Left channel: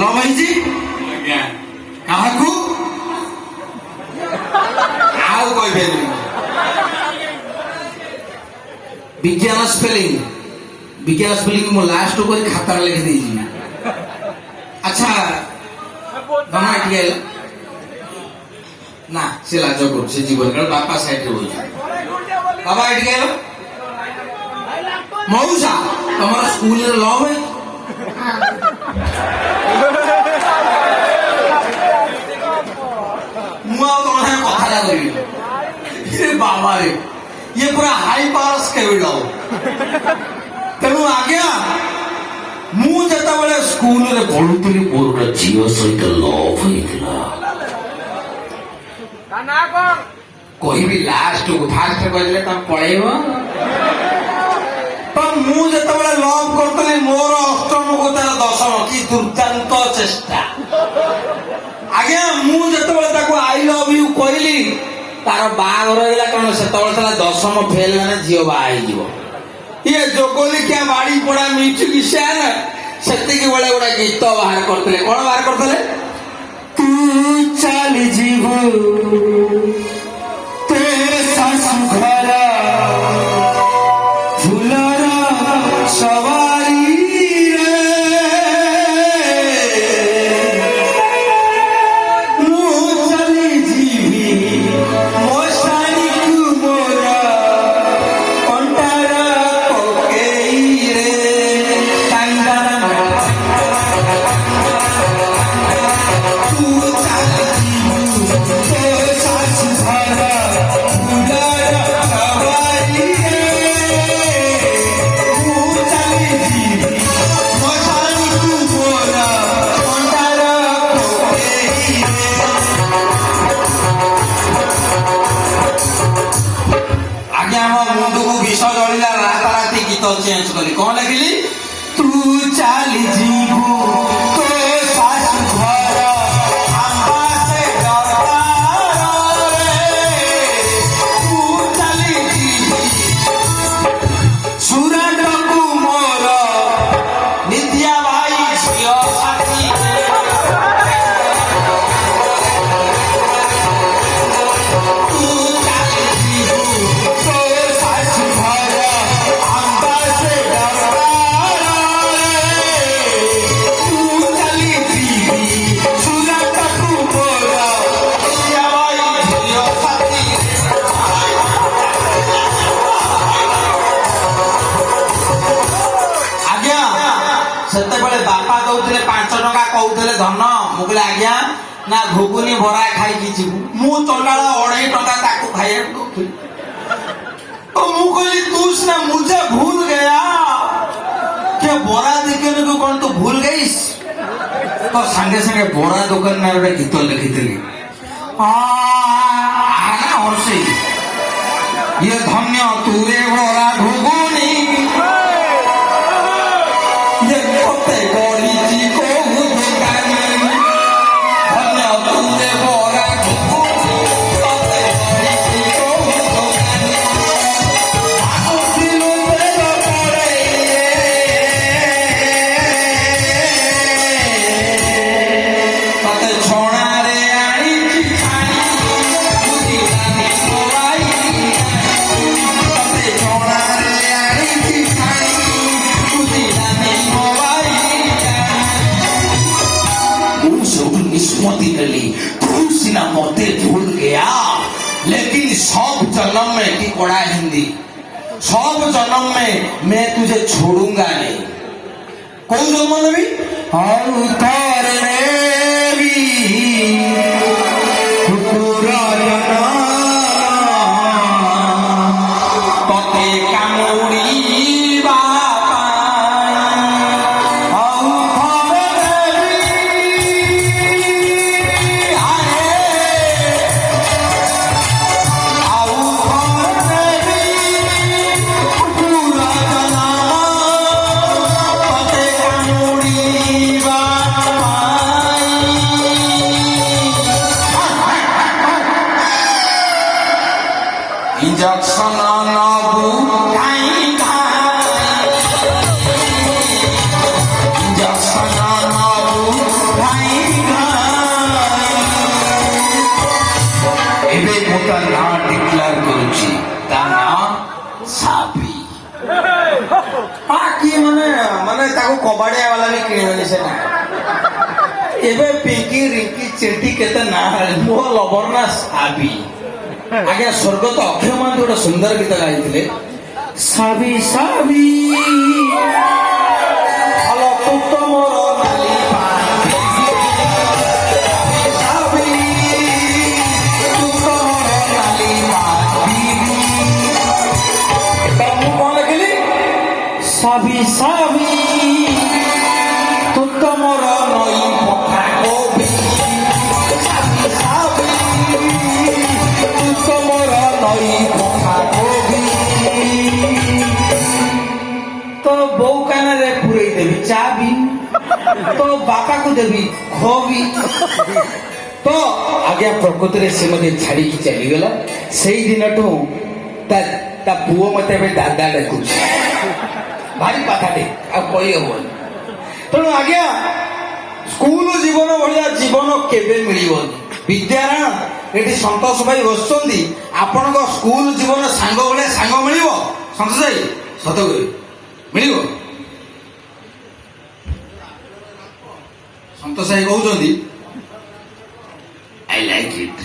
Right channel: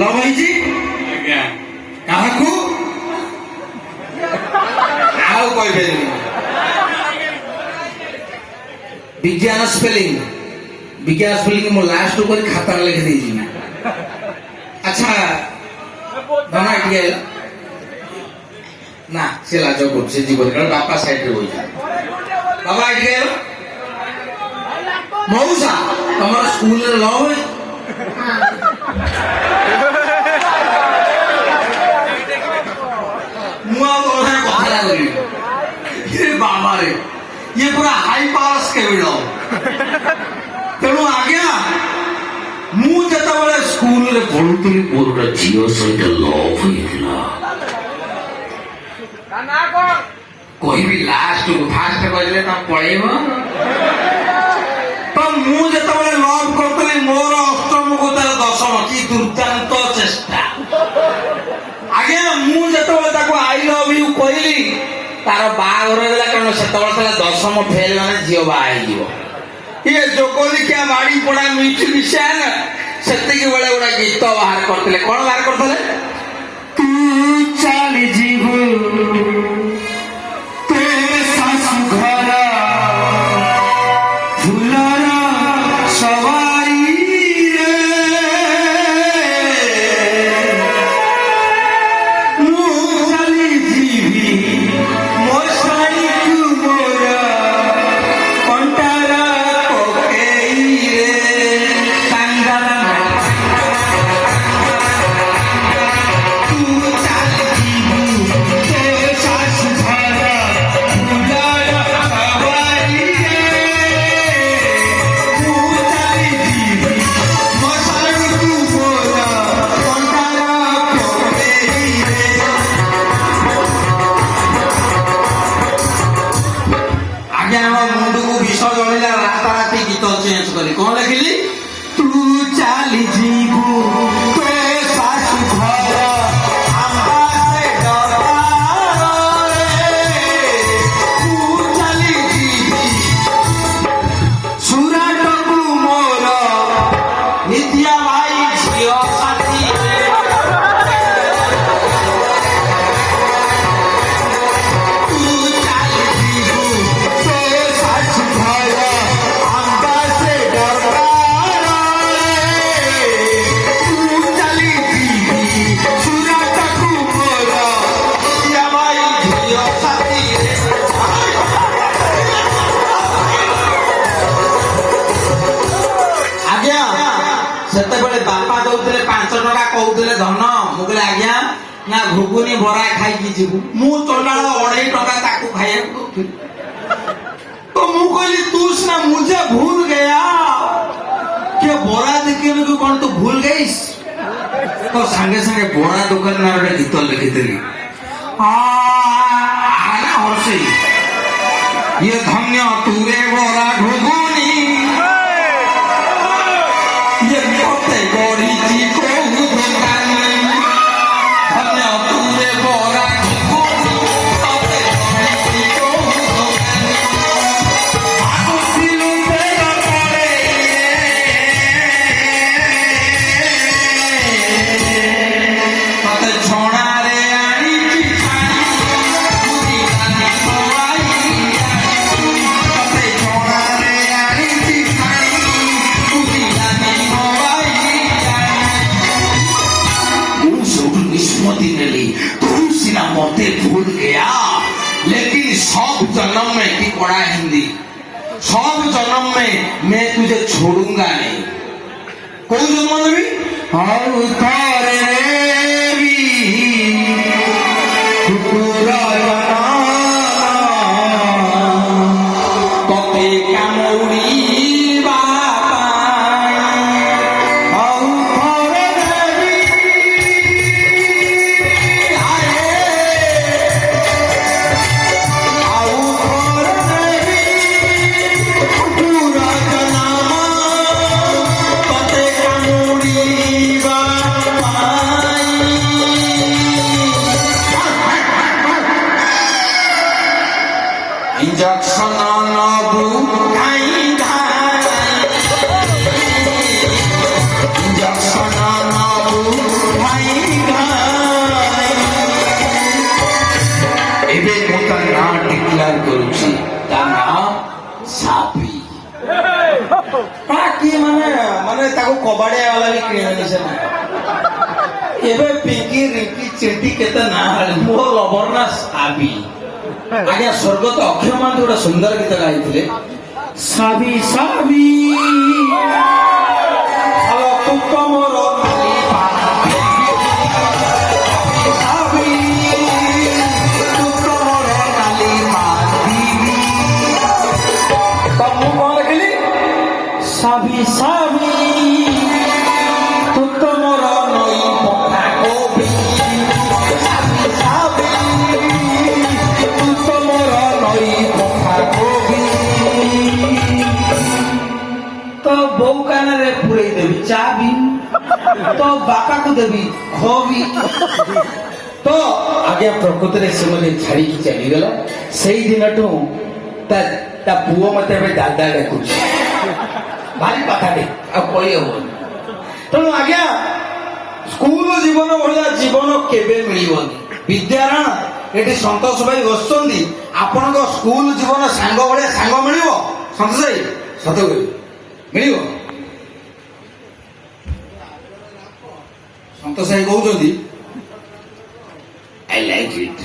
ଲଭେଇଛି କାହାକୁ ଆଉ କହିପାରିବି ବିଜ୍ଞାନ ସ୍ପେଲିଂ ମୁଁ ଲାଷ୍ଟ କରି ଖାତାରେ ଲେଖିଦେଇଛି। ଆଚ୍ଛା ଧନା ଟିକେ ନା ସେ ଲାଜ କରୁଛି ସେ ଯିବନି କାରଣ ବାପା ସାଇଡରେ ବଇଛି। ବାବା ଏଠିକି ଆଇଲ ମଉସା ତମର ସ୍କୁଲରେ ଲ ହୁଏ ମୁଁ ଆଉ ତମ ସାଙ୍ଗେ କଥାଟା କରିବି ବାବାରେ ଇଏ ପୁରା ହାଇ ପାୱାର ସ୍କେବିଡ। ତେଣୁ ଆଜ୍ଞା ମୁଁ ଯେତେବେଳେ ସ୍କୁଲରେ ପଢୁଥିଲି ମୋର ଗୋଟେ ଝିଅ ସହିତ ଲଭ୍ ହେଇଥିଲା। କହିବି ଲାଷ୍ଟକୁ ଫାଷ୍ଟ କହିଲେ ତା ପଳେଇବ। ତ ମୁଁ ଯେତେବେଳେ ଲଭ୍ କରୁଥିଲି ମୋର ଅଷ୍ଟମକୁ ତାର ଦଶମ କି ଦୁର୍ଦ୍ଦାନ୍ତ ଚେଷ୍ଟା। ଆଜ୍ଞା ମୁଁ ଯେତେବେଳେ ତାକୁ ଆଇ ଲଭ୍ ୟୁ କହିଲି ତାର ବାହାଘର ହେଇଗଲା କାରଣ ସେତେବେଳେ ଥିଲା ଦଶମ ଫେଲ ମାନେ ଝିଅ ବାହା ହେଇଯିବ। ଇଏ ଯୋଗଲିକିଆ ବାଡ଼ି ପଡ଼ା ମ୍ୟୁଜିସିଆନ ସେତିକି ବେଳେ ଗୋଟେ ଗୀତ ବାହାର କରିଥିଲେ। କଣ ବାହାର କରିଥିଲେ? ତୁ ଚାଲି ଯିବୁ ଘର ଫୁଲର ସବାରିରେ ମୁଁ ଚାଲି ଯିବି ମୋ ଶାଢ଼ୀକୁ ମୋର କଣ୍ଟାର ପକେଇରେ ତୁ ଚାଲି ଯିବୁ ଶାଶୁ ଘର ଫୁଲର ସବାରିରେ ମୁଁ ଚାଲି ଯିବି ମୋ ଶାଢ଼ୀକୁ ମୋର କଣ୍ଟାର ପକେଇରେ। ଆଜ୍ଞା ଆମ ମୁଣ୍ଡକୁ ବିଷ ଜଳିଲା ରାତାରାତି ଗୀତ ଚେଞ୍ଜ କରି କଣ ଲେଖିଲି? ତୁ ଚାଲି ଯିବୁ ତୋ ଶାଶୁ ଘର ଆମ୍ବାସେଡରରେ ତୁ ଚାଲି ଯିବି ସୁରାଟକୁ ମୋର ନିତ୍ୟା ଭାଇ ଝିଅ ସାଥୀ ତୁ ଚାଲି ଯିବୁ ତୋ ଶାଶୁ ଘର ଆମ୍ବାସେଡରରେ ତୁ ଚାଲି ଯିବି ସୁରାଟକୁ ମୋର ନିତ୍ୟା ଭାଇ ଝିଅ ସାଥୀ। ଆଜ୍ଞା ସେତେବେଳେ ବାପା ଦଉଥିଲେ 5 ଟଙ୍କା କହୁଥିଲେ ଧନ। ମୁଁ କହିଲି ଆଜ୍ଞା ନା ଘୁଗୁନି ବରା ଖାଇକି ଯିବୁ। ମୁଁ ଚଣ୍ଡାଳ 2.5 ଟଙ୍କା ତାକୁ ଖାଇବାକୁ ଦଉଥିଲି। ତ ମୁଁ କହିଲି ତୁ ସିନା ମୁझे भूल गया ଯେ ବରା ଦେଖିନି ତୁ କଣ ତୁ ଭୁଲ ଗଇସ୍। ତ ସାଙ୍ଗେ ସାଙ୍ଗେ ବରା ଦୋକାନରେ ଗୋଟେ ଗୀତ ଲେଖିଥିଲି ହର୍ଷି ଇଏ ଧନ୍ୟ ତୁରେ ବରା ଘୁଗୁନି ଇଏ କେତେ ଗଢିଛି କୋଉ ଦୋକାନୀ ଧନ୍ୟ ତୁରେ ବରା ଘୁଗୁନି କେତେ ଗଢିଛି କୋଉ ଦୋକାନୀ ଭାବୁଥିଲୁ ତେର ପରେ ତତେ ଛଣାରେ ଆଣିଛି ଛାଣି ବୁଝିଲାନି ସବାଇ ତତେ ଛଣାରେ ଆଣିଛି ଛାଣି ବୁଝିଲାନି ସବାଇ। ମୁଁ ସବୁ निष्पत्ति नेली तू सिना मते भूल गया लेकिन सब जन्म में की पढ़ा हिंदी सब जन्म में मैं तुझे छोड़ूंगा नहीं। कौन जन्म में भी और तारे भी कुकुरायना तोते कामुड़ी इंजेक्शन नबू इंजेक्शन कबाड़िया वाला भी किणबनी से ना एबे पिंकी रिंकी चिंटी केते ना मोर लवर ना साबी आगे स्वर्गत अक्षय मान गोटे सुंदर गीत गाई साबी साबी तू तो मोर नाली साबी तू तो मोर नाली तब मु कौन लिखिली साबी साबी तू तो मोर नई पथा कोबी साबी तू तो मोर नई पथा कोबी तो बो कान रे पुरे देवी चाबी तो बापा को देवी खोबी तो आगे प्रकृति रे से मते छाड़ी की चली गला सेई दिनठू ता पुओ मते दादा डाकुछ भारी कथाटे आ कही हेबनी तेणु आज्ञा स्कूल जीवन भाया जीवन केबे मिलिबनी विद्यारायण एटी संतोष भाई बसुंदी आपण स्कूल जीवन सांग भाया सांग मिल संतोष भाई सत मिल संतोष भाई कहते आई लाइक इट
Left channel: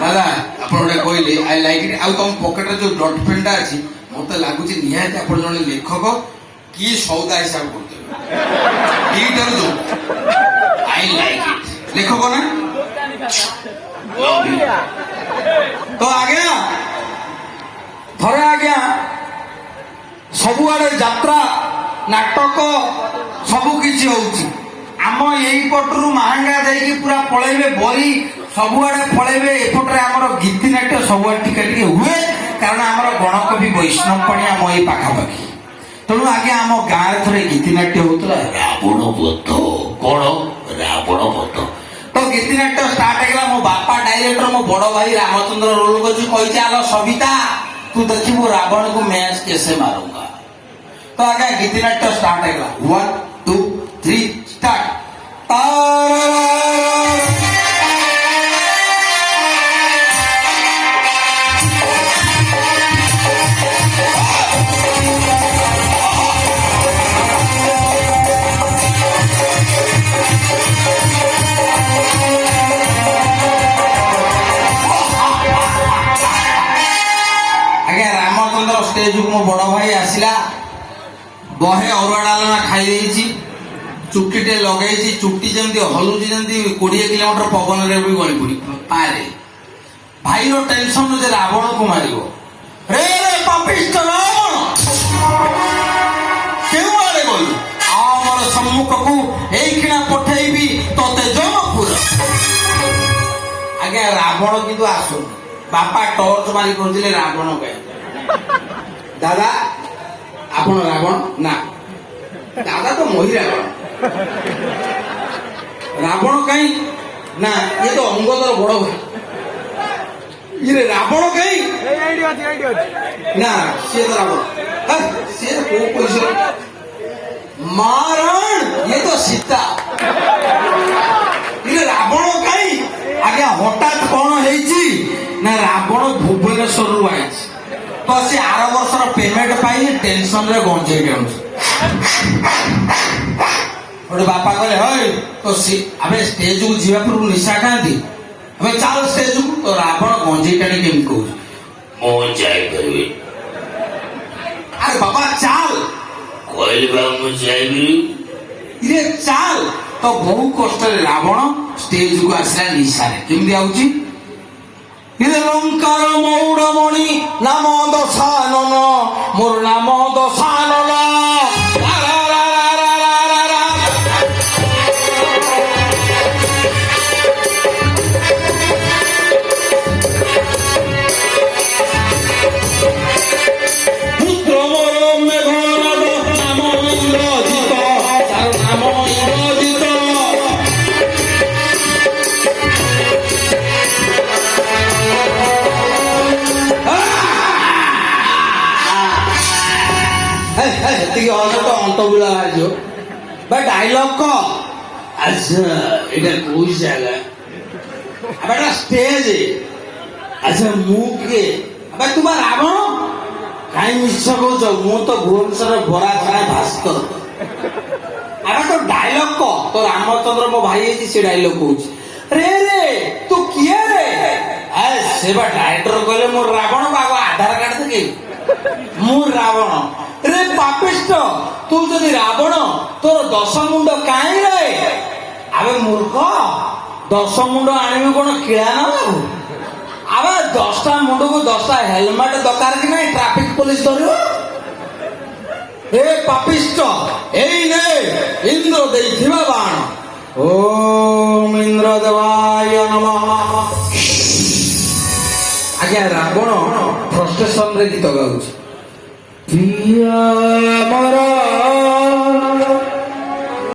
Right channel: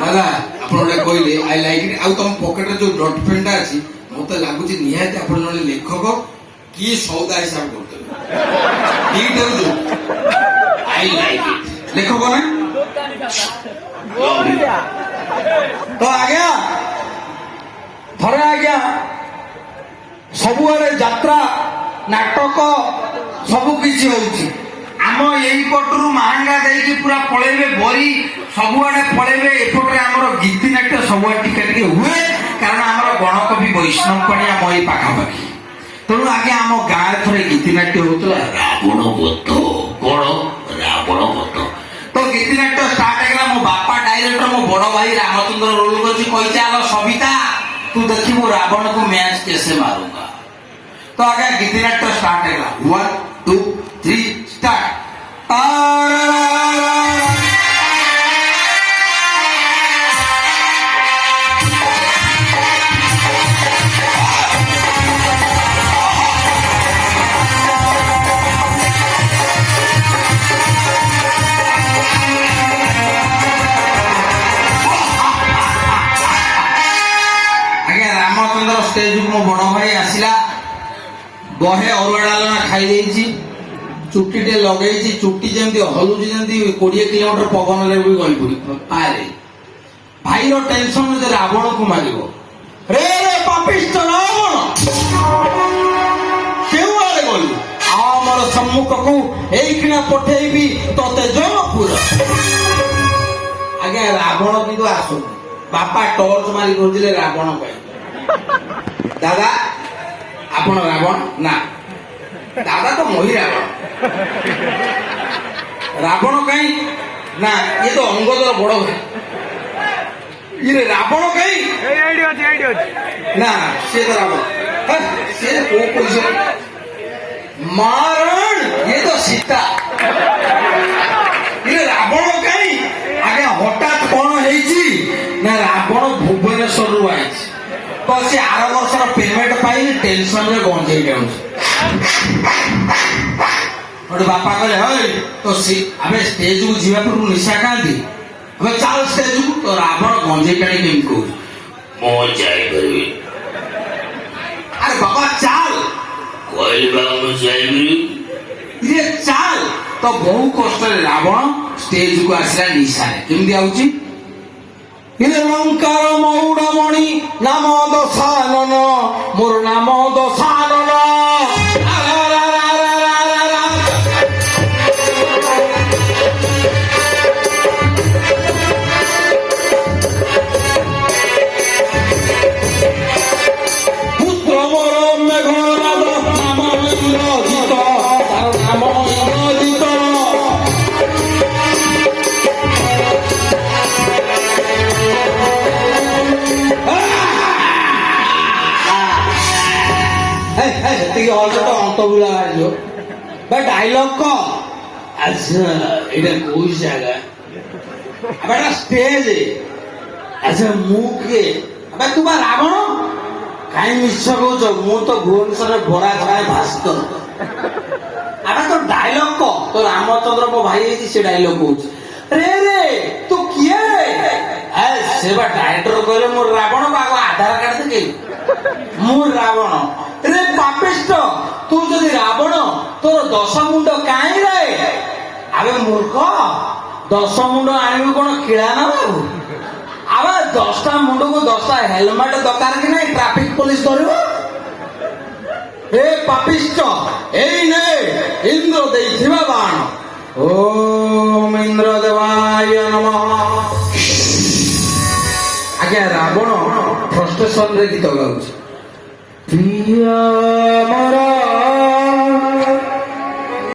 दादा आप कहले आई लाइक इट आउ तुम पकेट जो डट पेनटा अच्छी मत लगुच निहाती आप जन लेखक कि सौदा हिसाब करते आई लाइक इट लेखक ना तो आज्ञा थरे आज्ञा सबुआड़े यात्रा नाटक सबु किछि होउछि आम यही पटरू महांगा देकी पूरा पळेबे बरी सबुआड़े पळेबे एपटरे हमर गीति नाट्य सबुआड़े टिके टिके हुए कारण हमर गणकवि वैष्णव पणी आम एई पाखापाखि तेणु आगे आम गाँव थे गीतिनाट्य होता रावण बध कौन रावण बध तो गीतिनाट्य स्टार्ट है मो बापा डायरेक्टर मो बड़ भाई रामचंद्र रोल कर आल सविता तू देखिबू रावण को मैच कैसे मारूंगा तो आगे गीतिनाट्य स्टार्ट है 1 2 3 स्टार्ट स्टेज को मो बड़ भाई आसला बहे अरुआ डालना खाई चुट्टी लगे चुट्टी जमी हलुची जमी 20 किलोमीटर पवन रे भी गली पड़ी पारे भाई टेंशन जे रावण को मार रे रे पापिष्ट रावण क्यों आड़े गलु आमर सम्मुख को एखिना पठेबी तोते जनपुर आज्ञा रावण किंतु आसु बापा टर्च मारी खोजिले रावण कहीं दादा आपण रावण ना दादा तो मोही रावण रावण कहीं ना ये तो अंगदर बड़ भाई ये रावण कहीं ना से तो रावण से मारण ये तो सीता ये रावण कहीं आगे हठात कौन है ना रावण भुवनेश्वर रु आई तो सी आर वर्षर पेमेंट पाई टेंशन रे गंजेई गोटे बापा कहले हई तो आमे स्टेज को जीवा पूर्व निशा खाती अबे चाल स्टेज को तो रावण गंजेई टाणी केमी कहू मो जाई करबी अरे बाबा चाल कहले बा मो जाईबी ये चाल तो बहु कष्ट रावण स्टेज को आसला निशा रे केमि आउची लंकार मौड़मणि नाम दशानन मोर नाम दशानन पुत्र मोर मेघनाद नाम इंद्रजित तार नाम इंद्रजित अंत बुला भाई डायलॉग कौन अच्छा এটা কোন জায়গা আবার স্টেজ अच्छा मुंह के अबे तुम्हारा रावण କାହିଁ ମିଛ କହୁଛ? ମୁଁ ତ ଭୁବନେଶ୍ୱରରେ ଭଡା ଖାଏ ଭାସ୍କର। ଆରେ ତ ଡାଇଲଗ କହ, ତ ରାମଚନ୍ଦ୍ର ମୋ ଭାଇ ହେଇଛି, ସେ ଡାଇଲଗ କହୁଛି। ରେ ରେ ତୁ କିଏ ରେ? ସେ ବା ଡାଇରେକ୍ଟର କହିଲେ ମୁଁ ରାବଣ, ଆଗ ଆଧାର କାର୍ଡ ଦେଖେ। ମୁଁ ରାବଣ। ରେ ପାପିଷ୍ଟ, ତୁ ଯଦି ରାବଣ ତୋର 10 ମୁଣ୍ଡ କାହିଁ ରେ? ଆବେ ମୂର୍ଖ, 10 ମୁଣ୍ଡ ଆଣିବୁ କଣ କିଳା ନା ବାବୁ? ଆବେ 10ଟା ମୁଣ୍ଡକୁ 10ଟା ହେଲମେଟ ଦରକାର କି ନାହିଁ? ଟ୍ରାଫିକ ପୋଲିସ ଧରିବ। ହେ ପାପିଷ୍ଟ, ଏଇ ନେ ଇନ୍ଦ୍ର ଦେଇଥିବା ବାଣ। ଓମ୍ ଇନ୍ଦ୍ର ଦେବାୟ ନମଃ। ଆଜ୍ଞା ରାବଣ ଫ୍ରଷ୍ଟ୍ରେସନରେ ଗୀତ ଗାଉଛି। ପ୍ରିୟ ମୋର